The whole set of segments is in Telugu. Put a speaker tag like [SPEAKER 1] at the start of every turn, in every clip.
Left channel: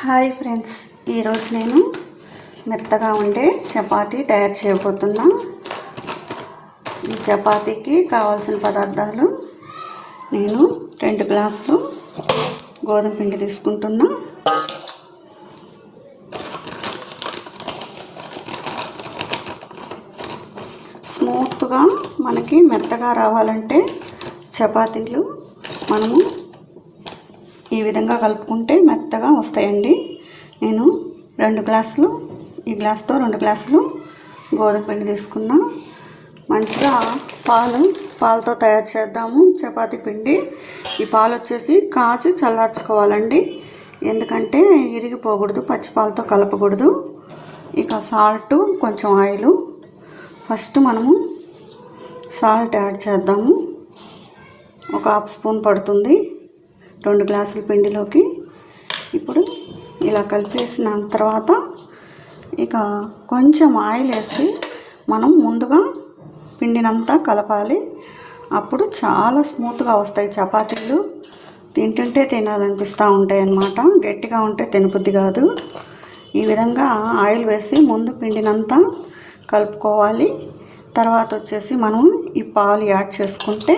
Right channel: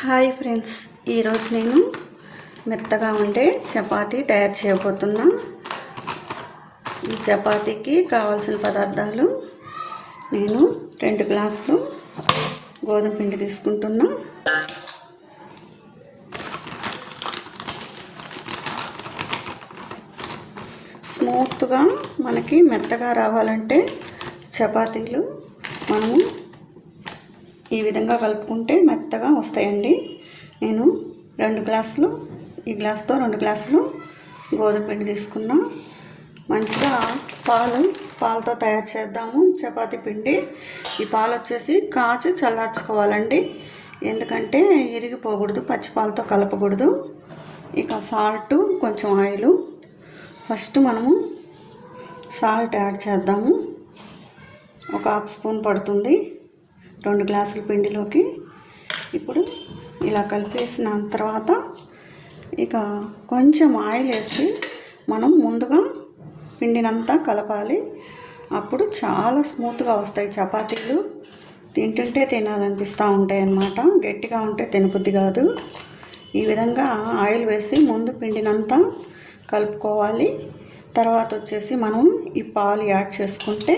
[SPEAKER 1] హాయ్ ఫ్రెండ్స్ ఈరోజు నేను మెత్తగా ఉండే చపాతీ తయారు చేయబోతున్నా. ఈ చపాతీకి కావాల్సిన పదార్థాలు నేను రెండు గ్లాసులు గోధుమ పిండి తీసుకుంటున్నా. స్మూత్గా మనకి మెత్తగా రావాలంటే చపాతీలు మనము ఈ విధంగా కలుపుకుంటే మెత్తగా వస్తాయండి. నేను రెండు గ్లాసులు ఈ గ్లాస్తో రెండు గ్లాసులు గోధుమ పిండి తీసుకున్నా. మంచిగా పాలు పాలతో తయారు చేద్దాము. చపాతీ పిండి. ఈ పాలు వచ్చేసి కాచి చల్లార్చుకోవాలండి. ఎందుకంటే ఇరిగిపోకూడదు పచ్చి పాలతో కలపకూడదు. ఇక సాల్ట్ కొంచెం ఆయిల్. ఫస్ట్ మనము సాల్ట్ యాడ్ చేద్దాము. ఒక హాఫ్ స్పూన్ పడుతుంది. రెండు గ్లాసుల పిండిలోకి ఇప్పుడు ఇలా కలిపేసిన తర్వాత ఇక కొంచెం ఆయిల్ వేసి మనం ముందుగా పిండినంతా కలపాలి. అప్పుడు చాలా స్మూత్గా వస్తాయి చపాతీలు. తింటుంటే తినాలనిపిస్తూ ఉంటాయి అన్నమాట. గట్టిగా ఉంటే తినబుద్ధి కాదు. ఈ విధంగా ఆయిల్ వేసి ముందు పిండినంతా కలుపుకోవాలి. తర్వాత వచ్చేసి మనం ఈ పాలు యాడ్ చేసుకుంటే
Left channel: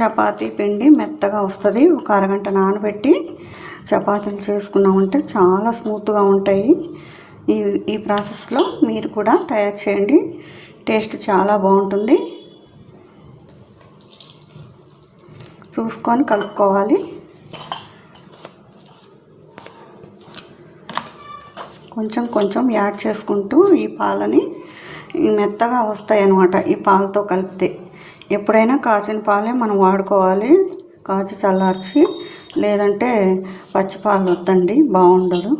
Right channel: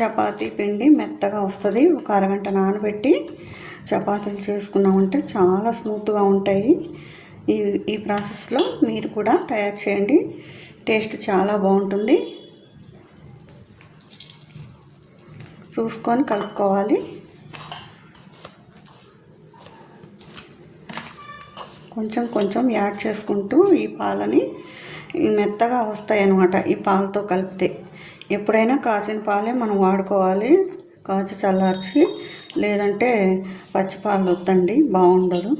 [SPEAKER 1] చపాతీ పిండి మెత్తగా వస్తుంది. ఒక అరగంట నానబెట్టి చపాతీలు చేసుకున్నామంటే చాలా స్మూత్గా ఉంటాయి. ఈ ఈ ప్రాసెస్లో మీరు కూడా తయారు చేయండి. టేస్ట్ చాలా బాగుంటుంది. చూసుకొని కలుపుకోవాలి. కొంచెం కొంచెం యాడ్ చేసుకుంటూ ఈ పాలని మెత్తగా వస్తాయి అన్నమాట ఈ పాలతో కలిపితే. ఎప్పుడైనా కాచిన పాలే మనం వాడుకోవాలి. కాచి చల్లార్చి లేదంటే పచ్చి పాలు వద్దండి బాగుండదు.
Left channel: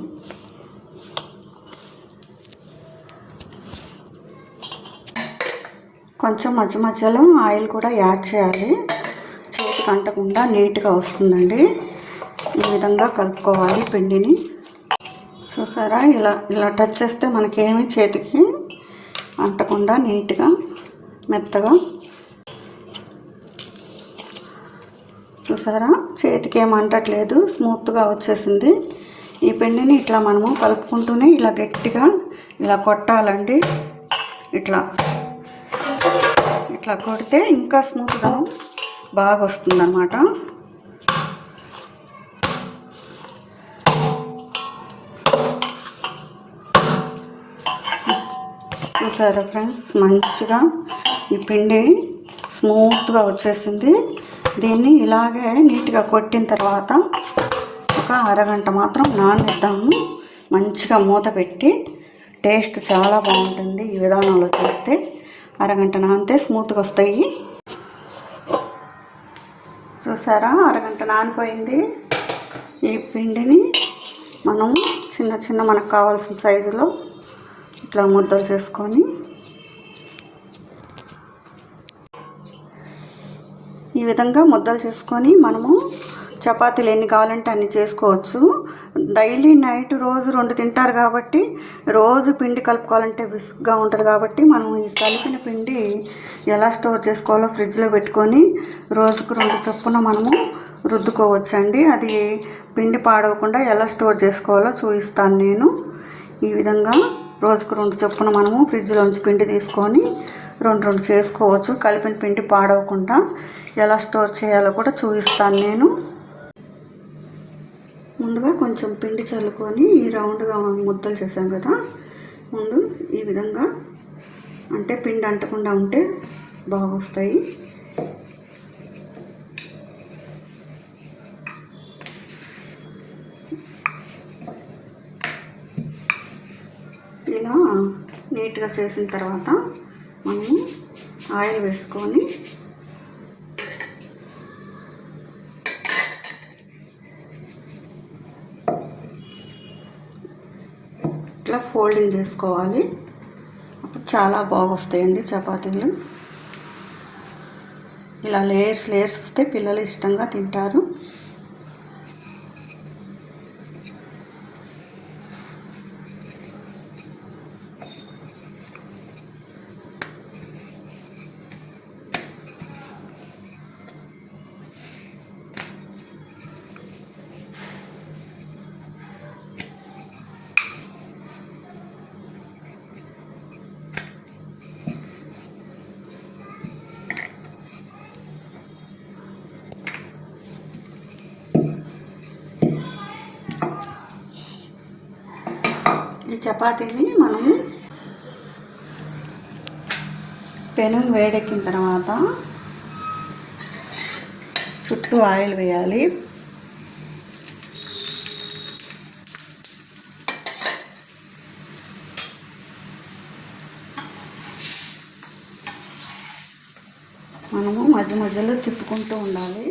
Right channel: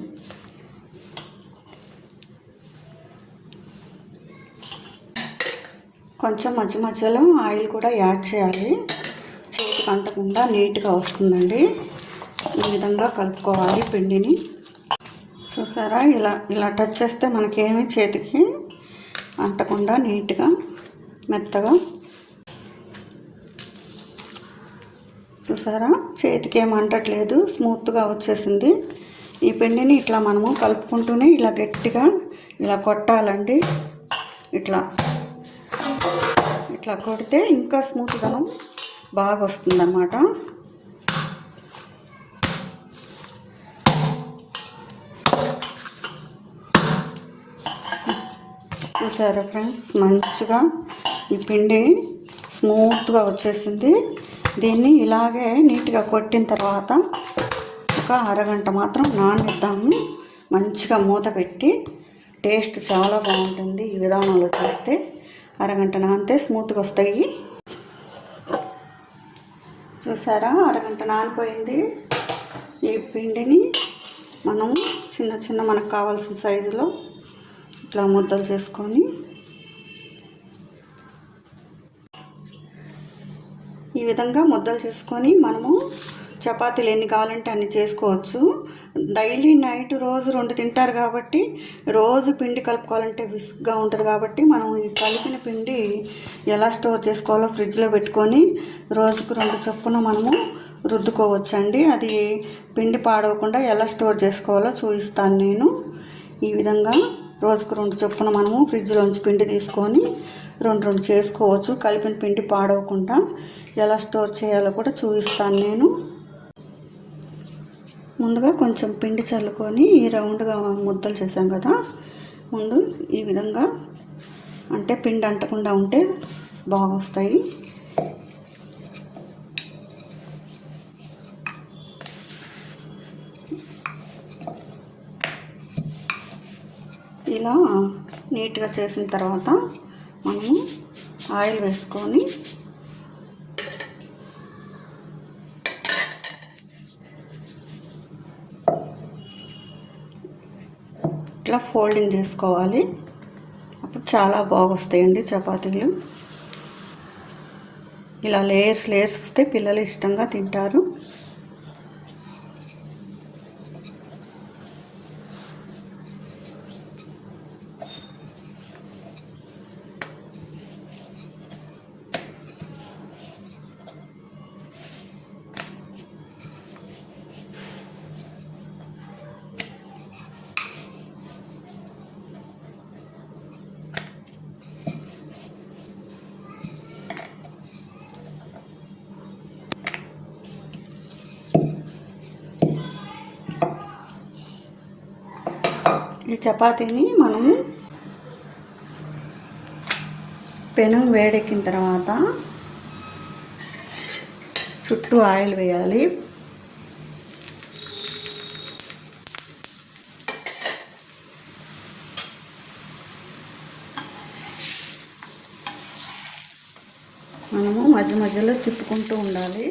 [SPEAKER 1] కొంచెం మధ్య మధ్యలో ఆయిల్ కూడా యాడ్ చేయాలి. చేతికి అంటకుండా నీట్గా వస్తుందండి. ఈ విధంగా కలుపుకోవాలి పిండిని. చూసారా? ఇలా ఇలా టచ్ చేస్తే మనకేమీ చేతికి అంటకుండా నీట్గా మెత్తగా చూసారా? చేతికి ఏమంటట్లేదు స్మూత్గా వచ్చేసింది. ఈ పిండిని ఇట్లా మనము కలుపుకుంటూనే ఇలా గట్టిగా ఇలా కొట్టాలండి. ఇట్లా. ఇట్లా కొడితే ఇంకా స్మూత్గా బాగా వస్తుంది అన్నమాట చూసారా ఫ్రెండ్స్? మంచిగా ఈ పిండి స్మూత్గా వచ్చేసింది. దీన్ని ఇలాగే నీట్గా కొట్టిన తర్వాత ఒక అరగంట మాత్రం నానేద్దాము. మంచిగా మూత పెట్టి టేస్ట్ చాలా బాగుంటుంది ఈ విధానంలో చేస్తే. అరగంట నానితే స్మూత్గా వస్తాయి. చూసారా? అరగంట నానిపోయింది. ఈ పిండిని మనం చిన్న చిన్న మనకు కావాల్సిన సైజులో ఇట్లా ముద్దలు చేసుకొని ఈ విధంగా ముద్దలు చేసుకొని మనము చపాతీలు ఎన్ని కావాలంటే అన్ని చేసుకోవచ్చు. డైలీ నైట్ రోజు రెండు తింటారు కాబట్టి రోజు పిండి కలుపుకోవాలంటే విసుగ్గా ఉంటుంది కాబట్టి మనం ఈ కలిపిన పిండి ఎలా స్టోర్ చేసుకోవాలో ఫ్రిడ్జ్లో పెట్టుకొని రోజుకు రెండు చొప్పున మనము రుద్దుకోవచ్చు అండి అది పిండి పాడవకుండా ఎలా స్టోర్ చేసుకోవాలో చూపిస్తాను నేను. ఈ విధంగా రోజుకు రెండు చొప్పున మనము ఫ్రిడ్జ్లోంచి పిండి తీసుకొని రెండు రెండు చేసుకోవచ్చు. కలిపిన పిండి పాడవకుండా ఎలా స్టోర్ చేయాలో కూడా చూపిస్తాను నేను. ముందుగా కొంచెం పిండి చల్లుకొని ఈ రౌండ్గా ముద్దలు చేసాం కదా. ముందు ఈ విధంగా అంటే పిండి అంటకుండా ఉంటే బాగా వస్తాయి ఇలా నీట్గా చేసిన తర్వాత మనము ఆయిల్ వేసుకొని ఇట్లా ఫోల్డింగ్ చేసుకోవాలి. అప్పుడు చాలా బాగా వస్తాయండి చపాతీలు. ఇలా లేయర్స్ లేయర్స్ వస్తే పిల్లలు ఇష్టంగా తింటారు. ఈ చపాతీని మనము పెనం వేడెక్కిన తర్వాత చుట్టూ ఆయిల్ వేయాలి. మనము మధ్య మధ్యలో తిప్పుకుంటూ ఉండాలి.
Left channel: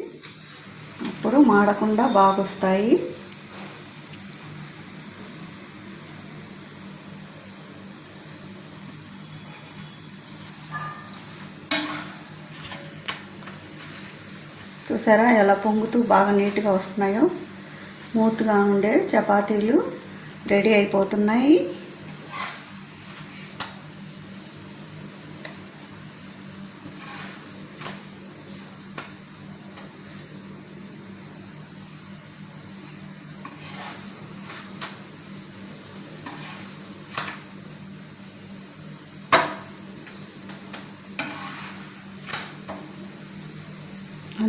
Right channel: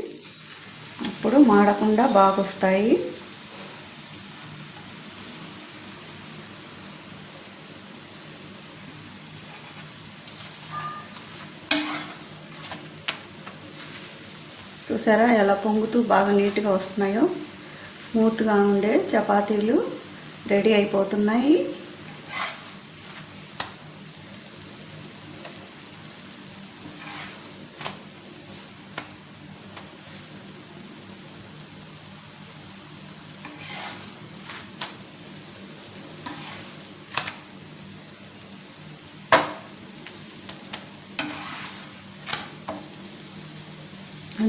[SPEAKER 1] అప్పుడు మాడకుండా బాగా వస్తాయి చూసారా? ఎలా పొంగుతూ బాగా నీట్గా వస్తున్నాయో? స్మూత్గా ఉండే చపాతీలు రెడీ అయిపోతున్నాయి.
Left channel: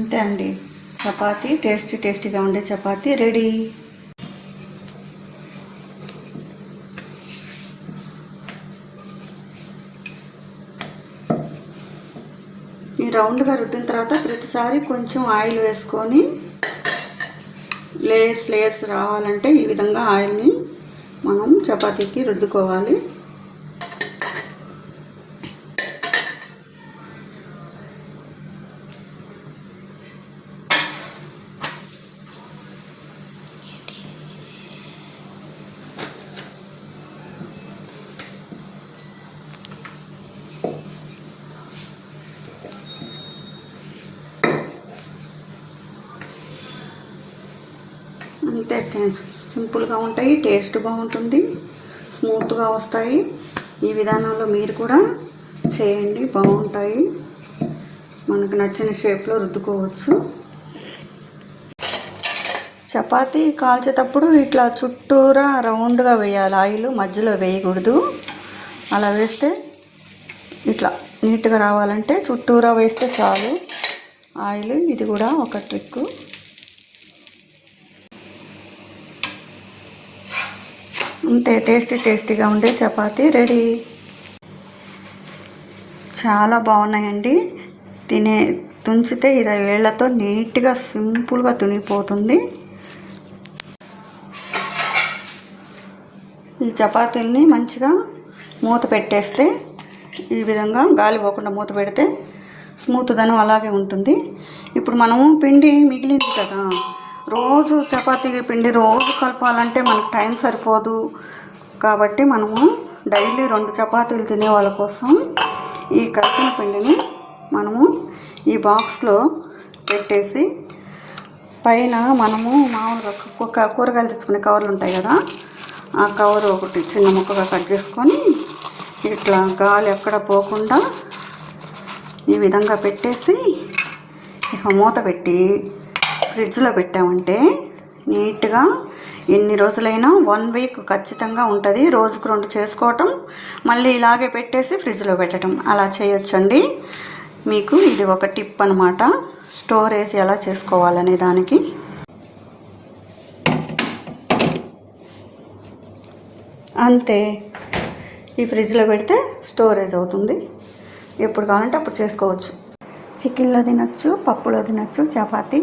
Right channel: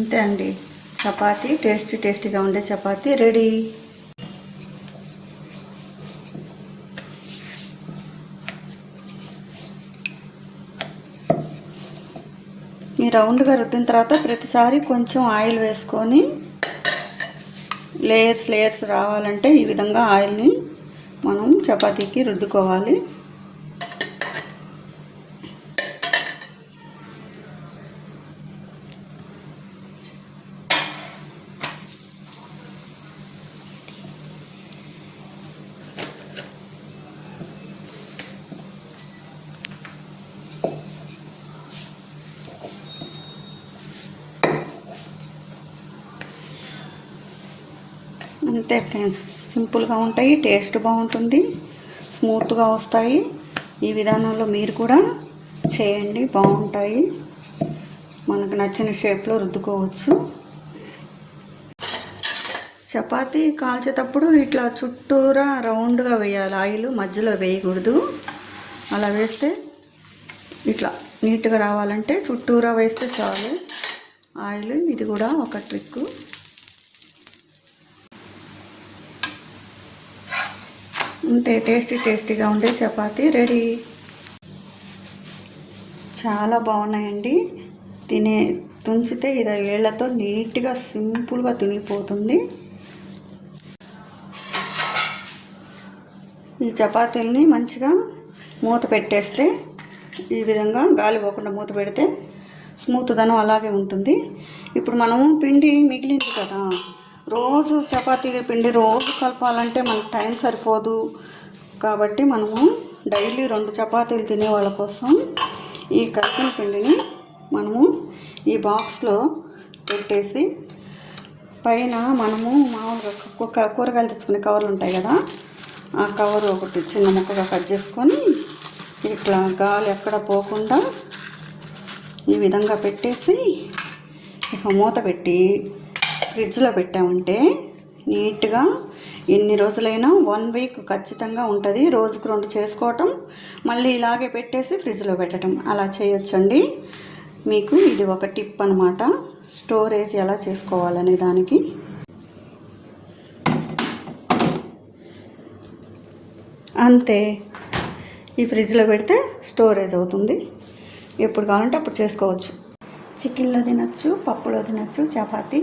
[SPEAKER 1] అంతే అండి. చపాతీ టేస్టీ టేస్టీగా ఉండే చపాతీ రెడీ. ఈ రౌండ్గా రుద్దిన తర్వాత ప్రతిసారి కొంచెం ఆయిల్ వేసుకొని లేయర్స్ లేయర్స్ రావాలంటే ఈ విధంగా ఆయిల్ని మనం చపాతీకి రుద్దుకోవాలి. అంతే ఫ్రెండ్స్ సింపుల్గా ఉంటాయి టేస్ట్ బాగుంటుంది స్మూత్గా వస్తాయి. ఈ విధానంలో మీరు కూడా చేయండి బాగుంటాయి. మనకు నచ్చిన షేప్లో రుద్దుకోవచ్చు. చపాతీ కాల్చేటప్పుడు ఇట్లా చుట్టూరా రౌండ్గా వేయాలి. ఆయిల్ మధ్యలో వేయకూడదు. అలా వేస్తే ఇట్లా నీట్గా రావాలంటే చుట్టూరా వేస్తే చాలు. ఆయిల్ ఇది కూడా ఒక ట్రిక్కు అంతే టేస్టీ టేస్టీగా ఉండే చపాతీ రెడీ. చాలా బాగున్నాయండి. తినే తుంచితే ఇది వేళ్ళతో నీట్గా సింపుల్గా తునిపోతుంది. ఈ చపాతీల్ని మంచిగా మూత పెట్టేస్తే ఈ విధంగా గాలి పోకుండా మూత పెడితే స్మూత్ ధనం అలాగే ఉంటుంది. ఇప్పుడు మనము పిండి మిగిలింది కదా. రోజు చపాతీ పిండి రోజు కలపాలంటే మనకు టైం సరిపోదు. కాబట్టి మనము డైలీ రెండు చపాతీలు తినే వాళ్ళ కోసం ఈ కలిపిన పిండిని మనము ఈ బాక్స్లో పెట్టేసి పైన మనము మామూలుగా కూరగాయలు తెచ్చుకునే కవర్లు ఉంటాయి కదా ఆ కవర్ ఒకటి చిన్న ముక్కగా కట్ చేసుకొని ఇట్లా గాలి ఎక్కడ పోకుండా ఈ విధంగా పెట్టేసి ఇక మూత పెట్టి ఫ్రిడ్జ్లో పెట్టామంటే నీట్గా ఎన్ని రోజులైనా వన్ వీక్ ఖచ్చితంగా ఉంటుంది. రోజుకు రెండు చేసుకోవటం మళ్ళీ ఇలాగే పెట్టేసి ఫ్రిడ్జ్లో పెట్టడం అలా చేయొచ్చండి. మీకు ఇది ఒక టిప్ అనమాట స్టోరేజ్ ఎలా చేసుకోవాలనే దానికి. అంతే. ఈ ఫ్రిడ్జ్లో పెడితే స్టోరేజ్ అవుతుంది. ఎప్పుడు కావాలంటే అప్పుడు చేసుకోవచ్చు. చికెన్లో తినచ్చు పప్పులో తినచ్చు చపాతీ.